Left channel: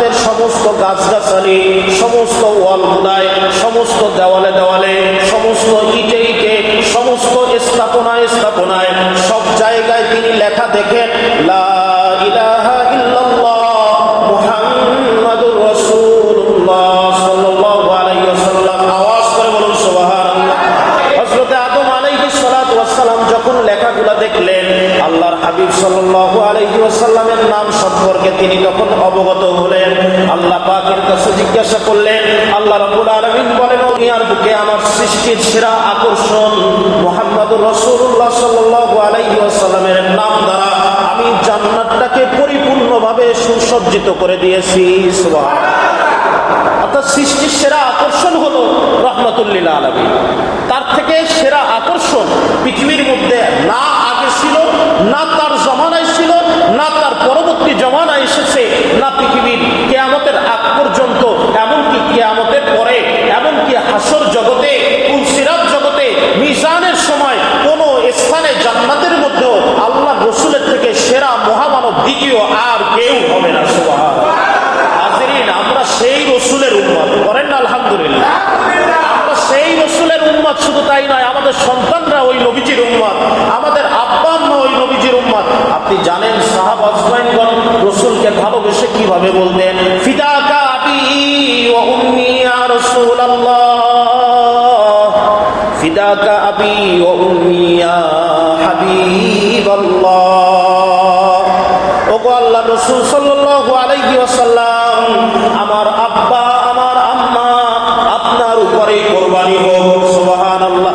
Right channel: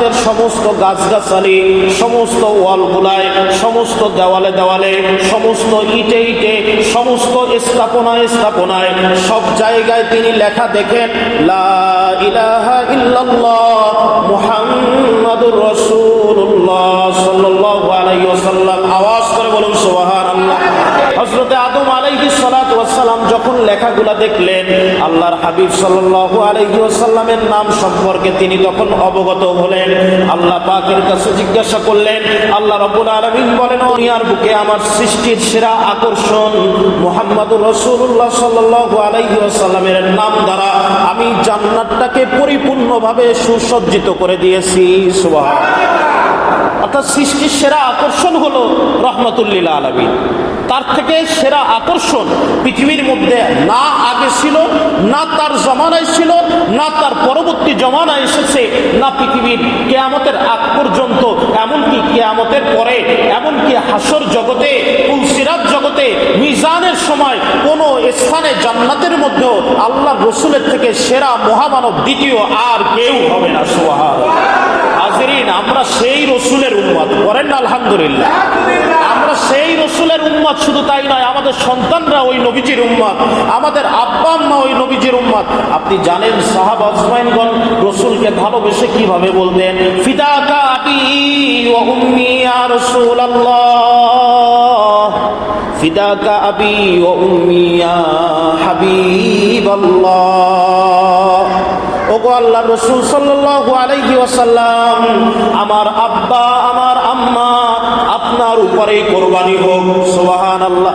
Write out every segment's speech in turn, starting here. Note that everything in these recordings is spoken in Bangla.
জান্নাতের সমস্ত গাছগাছালি, সমস্ত ওয়ালগুলায়, সমস্ত দেওয়ালে দেওয়ালে, সমস্ত ইটে ইটে, সমস্ত স্থাপনায় স্থাপনায়, সব জায়গায় তিনি লেখা দেখেন, লা ইলাহা ইল্লাল্লাহ মুহাম্মাদুর রাসূলুল্লাহ সাল্লাল্লাহু আলাইহি ওয়াসাল্লাম। আওয়াজ করে বলুন সুবহানাল্লাহ। হযরত আদম আলাইহিস সালাতু ওয়াস সালাম যখন লেখাগুলা দেখলেন, আল্লাহর হাবিব সাল্লাল্লাহু আলাইহি ওয়াসাল্লামের নাম সম্পর্কে তিনি তখন অবগত হলেন। আল্লাহ পাকের কাছে জিজ্ঞাসা করলেন। আল্লাহ রাব্বুল আলামিন বলেন, দুনিয়ার বুকে আমার সৃষ্টির সেরা আকর্ষণ মুহাম্মাদুর রাসূলুল্লাহ সাল্লাল্লাহু আলাইহি ওয়াসাল্লামের নাম দ্বারা আমি জান্নাতটাকে পরিপূর্ণভাবে সুসজ্জিত করে দিয়েছি। সুবহানাল্লাহ। অর্থাৎ সৃষ্টির সেরা আকর্ষণ হলো রাহমাতুল লিল আলামিন। তার থেকে সেরা আকর্ষণ পৃথিবীর মধ্যে না আগে ছিল, না তার জমানায় ছিল, না তার পরবর্তী জমানায় এসেছে, না পৃথিবীর কিয়ামতের আগ পর্যন্ত, এমনকি কিয়ামতের পরে, এমনকি হাসর জগতে, পুলসিরাত জগতে, মিজানের সময় কোনো স্থানে জান্নাতের মধ্যেও আল্লাহ রসুলের থেকে সেরা মহামানব দ্বিতীয় আর কেউ হবে না। সুবহানাল্লাহ। হাজিরিন, আমরা সেই রসুলের উম্মত, করেন না আলহামদুলিল্লাহ। আমরা সেই রসুলের উম্মত, শুধু তাই নয়, আমাদের সন্তানরা ওই নবীজির উম্মত, আমাদের আব্বা আম্মা ওই নবীজির উম্মত। আপনি জানেন সাহাবা আজমাইনগণ রসুলকে ভালোবেসে কিভাবে বলতেন, ফিদাকা আবি ওয়া উম্মি ইয়া রাসূলুল্লাহ, ফিদাকা আবি ওয়া উম্মি ইয়া হাবিবাল্লাহ। ওগো আল্লাহর রাসূল সাল্লাল্লাহু আলাইহি ওয়াসাল্লাম, আমার আব্বা আমার আম্মা আপনার উপরে কোরবানি হোক। সুবহানাল্লাহ।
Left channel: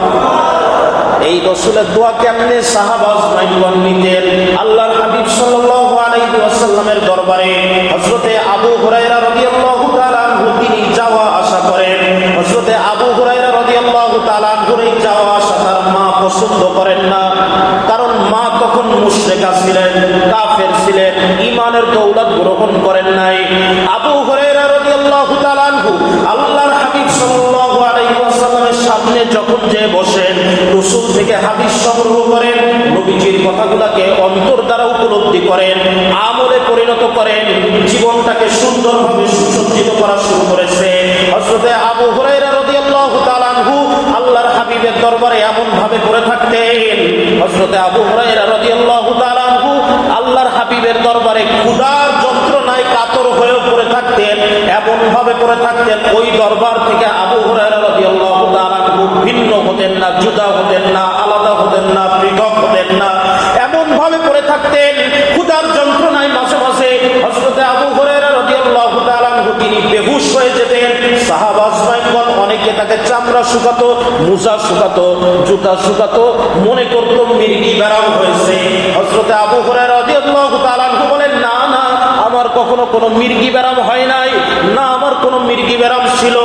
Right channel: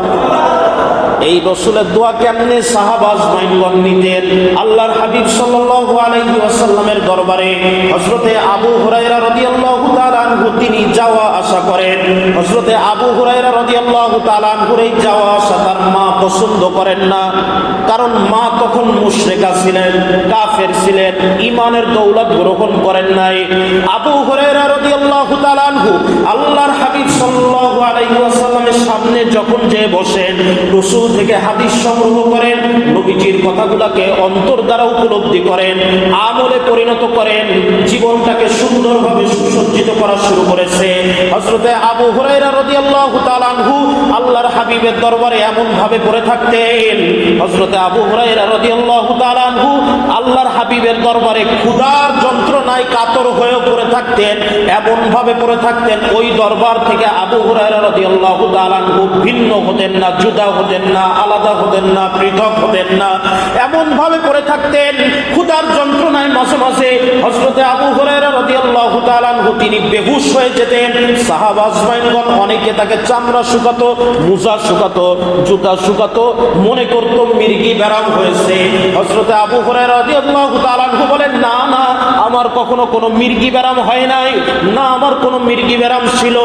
এই রাসূলের দোয়া কেমনে সাহাবা আজমাইনগণ নিতেন? আল্লাহর হাবিব সাল্লাল্লাহু আলাইহি ওয়াসাল্লামের দরবারে হযরতে আবু হুরায়রা রাদিয়াল্লাহু তাআলা আনহু তিনি যাওয়া আসা করেন। হযরতে আবু হুরায়রা রাদিয়াল্লাহু তাআলা আনহুর এই যাওয়া আসা তার মা পছন্দ করেন না, কারণ মা তখন মুশরিকা ছিলেন, কাফের ছিলেন, ঈমানের দৌলত গ্রহণ করেন নাই। আবু হুরায়রা রাদিয়াল্লাহু তাআলা আনহু আল্লাহর হাবিব সাল্লাল্লাহু আলাইহি ওয়াসাল্লামের সামনে যখন যে বসেন, রাসূল থেকে হাদিস সংগ্রহ করেন, নবীজির কথাগুলোকে অন্তর দ্বারা উপলব্ধি করেন, আমলে পরিণত করেন, জীবনটাকে সুন্দরভাবে সুসজ্জিত করা শুরু করেছে। হযরতে আবু হুরায়রা রাদিয়াল্লাহু তাআলা আনহু আল্লাহর হাবিবের দরবারে এমন ভাবে পড়ে থাকতেন, হযরতে আবু হুরায়রা রাদিয়াল্লাহু তাআলা আনহু আল্লাহর হাবিবের দরবারে ক্ষুধার যন্ত্রণায় কাতর হয়ে পড়ে থাকতেন, এমন ভাবে পড়ে থাকতেন ওই দরবার থেকে আবু হুরায়রা রাদিয়াল্লাহু তাআলা আনহু ভিন্ন হতেন না, জুদা হতেন না, আলাদা হতেন না, পৃথক হতেন না, এমন ভাবে পড়ে থাকতেন ক্ষুধার যন্ত্রণায়। মাঝে মাঝে হযরতে আবু হুরায়রা রাদিয়াল্লাহু তাআলা আনহু তিনি বেহুশ হয়ে যেতেন। সাহাবা আজমাইনগণ অনেকে তাকে চামড়া শুকাতো, মুজা শুকাতো, জুতা শুকাতো, মনে করতো মির্গি ব্যারাম হয়েছে। হযরতে আবু হুরায়রা রাদিয়াল্লাহু তাআলা আনহু বলেন, না না, আমার কখনো কোনো মির্গি ব্যারাম হয় নাই, না আমার কোনো মির্গি ব্যারাম ছিল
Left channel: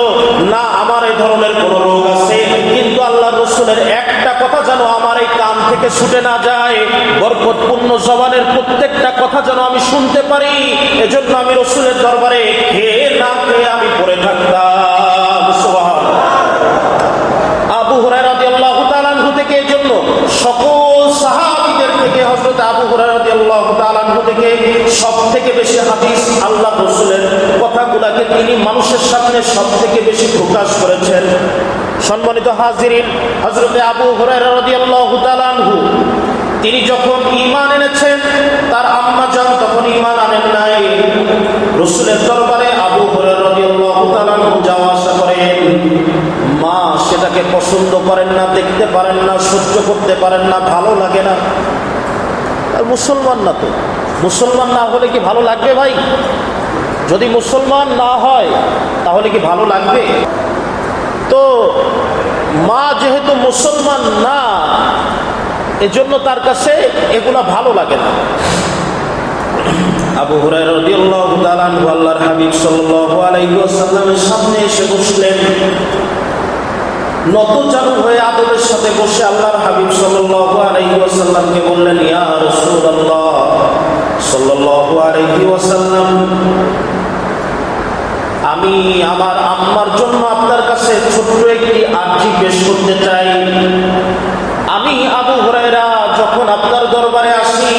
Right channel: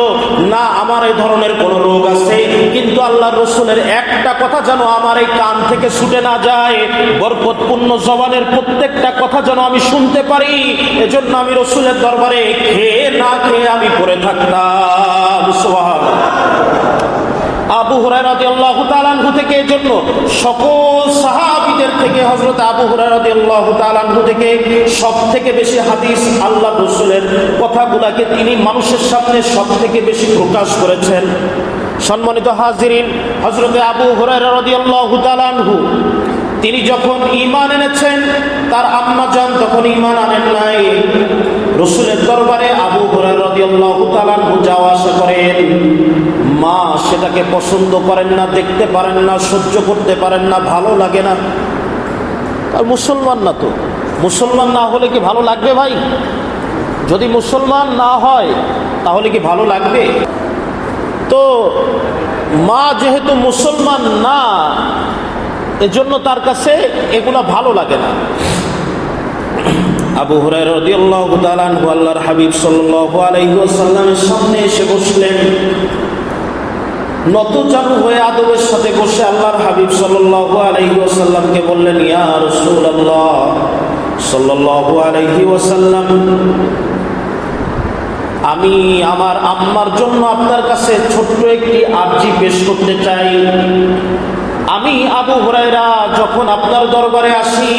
না, আমার এই ধরনের কোনো রোগ আছে, কিন্তু আল্লাহর রাসূলের একটা কথা যেন আমার এই কান থেকে ছুটে না যায়, বরকতপূর্ণ জবানের প্রত্যেকটা কথা যেন আমি শুনতে পারি, এজন্য আমি রাসূলের দরবারে খেয়ে না খেয়ে আমি পড়ে থাকতাম। সুবহানাল্লাহ। আবু হুরায়রা রাদিয়াল্লাহু তাআলা আনহু থেকে, এজন্য সকল সাহাবীদের থেকে হযরত আবু হুরায়রা রাদিয়াল্লাহু তাআলা আনহু থেকে সবথেকে বেশি হাদিস আল্লাহ রাসূলের কথাগুলোকে তিনি মানুষের সামনে সবথেকে বেশি প্রকাশ করেছেন। সম্মানিত হাজিরিন, হযরত আবু হুরায়রা রাদিয়াল্লাহু তাআলা আনহু তিনি যখন ঈমান এনেছেন, তার আম্মা জান তখন ঈমান আনেন নাই। রাসূলের দরবারে আবু হুরায়রা রাদিয়াল্লাহু তাআলা আনহু যাওয়া আসা করেন। মা সেটাকে পছন্দ করেন না, দেখতে পারেন না, সহ্য করতে পারেন না, ভালো লাগে না। আর মুসলমান না তো, মুসলমান না হলে কি ভালো লাগবে ভাই? যদি মুসলমান না হয় তাহলে কি ভালো লাগবে? তো মা যেহেতু মুসলমান না, এজন্য তার কাছে এগুলা ভালো লাগে না। আবু হুরায়রা রাদিয়াল্লাহু তাআলা আনহু আল্লাহর হাবিব সাল্লাল্লাহু আলাইহি ওয়াসাল্লামের সামনে এসে বসলেন। নতজানু হয়ে আদবের সাথে বসে আল্লাহর হাবিব সাল্লাল্লাহু আলাইহি ওয়াসাল্লামকে বললেন, ইয়া রাসূলুল্লাহ সাল্লাল্লাহু আলাইহি ওয়াসাল্লাম, আমি আমার আম্মার জন্য আপনার কাছে ছোট্ট একটি আরজি পেশ করতে চাই। আমি আবু হুরায়রা যখন আপনার দরবারে আসি,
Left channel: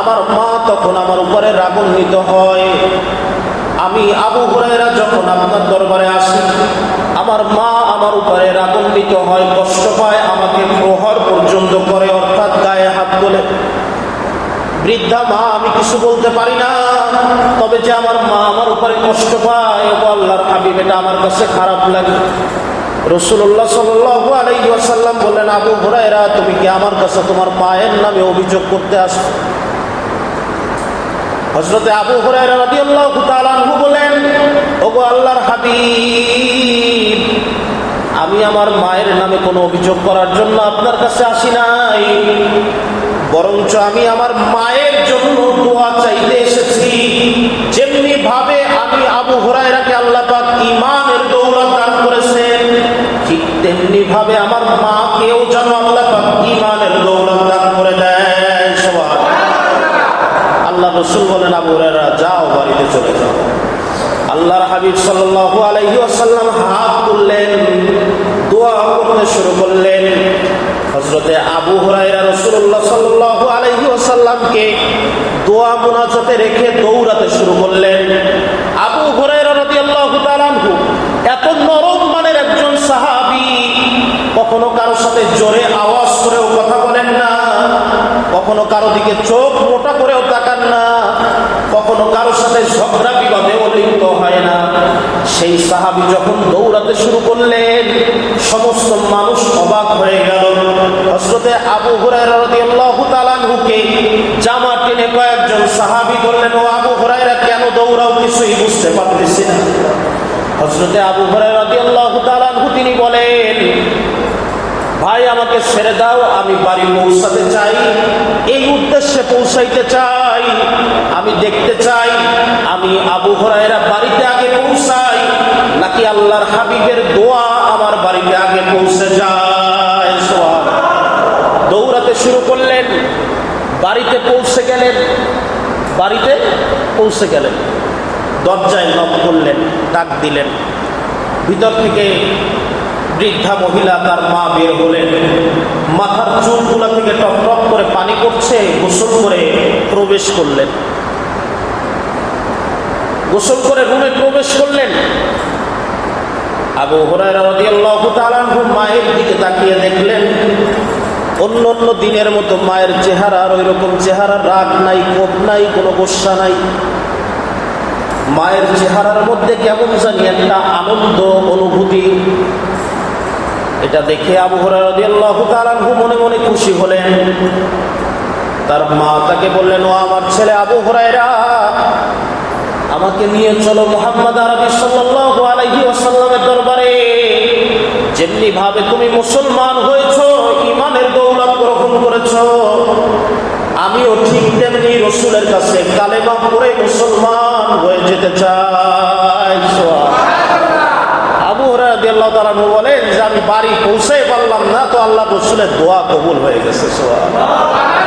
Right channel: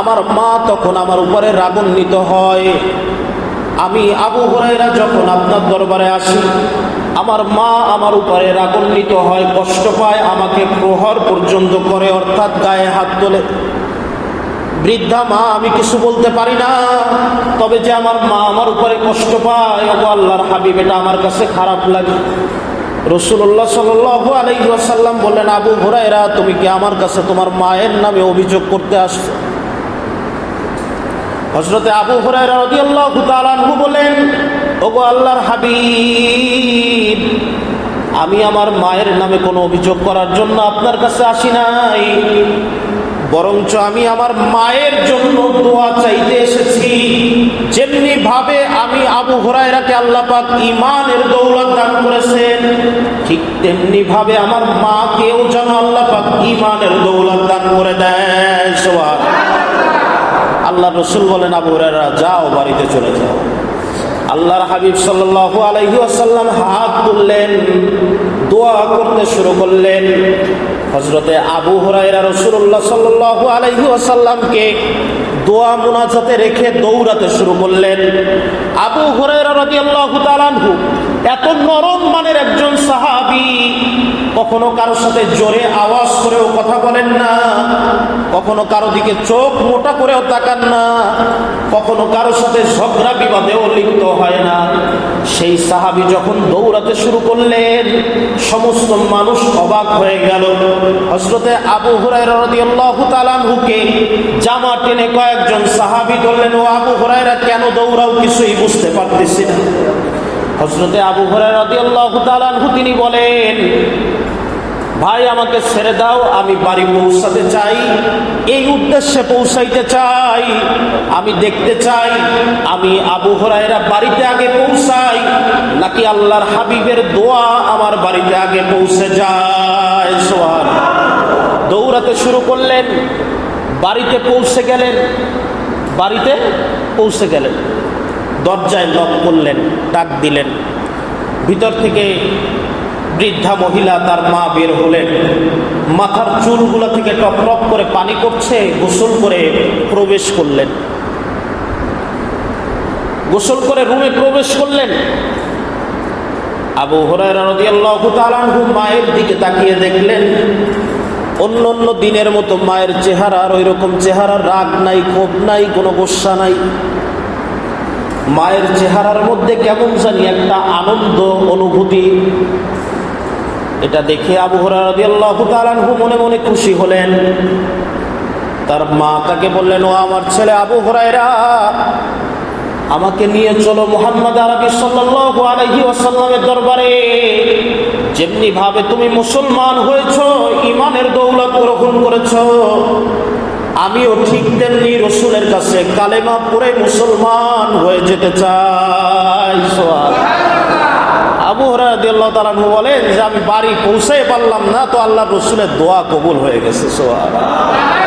আমার মা তখন আমার উপরে রাগান্বিত হয়। আমি আবু হুরায়রা যখন আপনার দরবারে আসি, আমার মা আমার উপরে রাগান্বিত হয়, কষ্ট পায়, আমাকে প্রহার পর্যন্ত করে, অর্থাৎ গায়ে হাত তোলে। বৃদ্ধা মা, আমি কিছু বলতে পারি না, তবে যে আমার মা আমার উপরে কষ্ট পায়, ও আল্লাহর হাবিব, এটা আমার কাছে খারাপ লাগে। রাসূলুল্লাহ সাল্লাল্লাহু আলাইহি ওয়াসাল্লাম বললেন, আবু হুরায়রা, তুমি কি আমার কাছে তোমার মায়ের নামে অভিযোগ করতে আসছো? হযরতে আবু হুরায়রা রাদিয়াল্লাহু তাআলা আনহু বলেন, ওগো আল্লাহর হাবিব, আমি আমার মায়ের নামে কোনো অভিযোগ করার জন্য আপনার কাছে আসি নাই, বরঞ্চ আমি আমার মায়ের জন্য দোয়া চাইতে এসেছি। যেমনি ভাবে আমি আবু হুরায়রাকে আল্লাহ পাক ঈমানের দৌলত দান করেছেন, ঠিক তেমনি ভাবে আমার মাকেও যেন আল্লাহ পাক ঈমানের দৌলত দান করে দেয়। সুবহানাল্লাহ। আল্লাহ রাসূল বলেন, আবু হুরায়রা, যাও, বাড়িতে চলে যাও। আল্লাহর হাবিব সাল্লাল্লাহু আলাইহি ওয়াসাল্লাম হাত তুললেন, দোয়া করতে শুরু করলেন। হযরতে আবু হুরায়রা রাসূলুল্লাহ সাল্লাল্লাহু আলাইহি ওয়াসাল্লামকে দোয়া মুনাজাতে রেখে দৌড়াতে শুরু করলেন। আবু হুরায়রা রাদিয়াল্লাহু তাআলা আনহু এত নরম মানের একজন সাহাবী, কখনো কারো সাথে জোরে আওয়াজ করেও কথা বলেন না, কখনো কারো দিকে চোখ মোটা করেও তাকান না, কখনো কারো সাথে ঝগড়া বিবাদেও লিপ্ত হয় না। সেই সাহাবী যখন দৌড়াতে শুরু করলেন, সমস্ত মানুষ অবাক হয়ে গেল। হযরতে আবু হুরায়রা রাদিয়াল্লাহু তাআলা আনহুকে জামা টেনে কয়েকজন সাহাবী বললেন, ও আবু হুরায়রা, কেন দৌড়াও, কিছুই বুঝতে পারতেছি না। হযরতে আবু হুরায়রা রাদিয়াল্লাহু তাআলা আনহু তিনি বলেন, ভাই, আমাকে ছেড়ে দাও, আমি বাড়ি পৌঁছাতে চাই, এই উদ্দেশ্যে পৌঁছাইতে চাই। আমি দেখতে চাই আমি আবু হুরায়রা বাড়িতে আগে পৌঁছাই, নাকি আল্লাহর হাবিবের দোয়া আমার বাড়িতে আগে পৌঁছে যায়। সুবহানাল্লাহ। দৌড়াতে শুরু করলেন, বাড়িতে পৌঁছে গেলেন। বাড়িতে পৌঁছে গেলেন, দরজায় নক করলেন, ডাক দিলেন। ভিতর থেকে বৃদ্ধা মহিলা, তার মা বের হলেন। মাথার চুলগুলা থেকে টপ টপ করে পানি পড়ছে, গোসল করে প্রবেশ করলেন। গোসল করে রুমে প্রবেশ করলেন। আবু হুরায়রা রাদিয়াল্লাহু তাআলা আনহু মায়ের দিকে তাকিয়ে দেখলেন, অন্য অন্য দিনের মতো মায়ের চেহারা আর ওইরকম চেহারা, রাগ নাই, কোপ নাই, কোনো গোসা নাই। মায়ের চেহারার মধ্যে কেমন জানি একটা আনন্দ অনুভূতি। এটা দেখে আবু হুরায়রা রাদিয়াল্লাহু তাআলা আনহু মনে মনে খুশি হলেন। তার মা তাকে বললেন, ও আমার ছেলে আবু হুরায়রা, আমাকে নিয়ে চলো মুহাম্মদ আরবি সাল্লাল্লাহু আলাইহি ওয়াসাল্লামের দরবারে। যেমনি ভাবে তুমি মুসলমান হয়েছো, ঈমানের দৌলত গ্রহণ করেছো, আমিও ঠিক তেমনি রাসূলের কাছে কালেমা পড়ে মুসলমান হয়ে যেতে চাই। আবু হুরায়রা রাদিয়াল্লাহু তাআলা আনহু বলেন যে আমি বাড়ি পৌঁছাই পারলাম না, তো আল্লাহর রাসূলের দোয়া কবুল হয়ে গেছে। সুবহানাল্লাহ।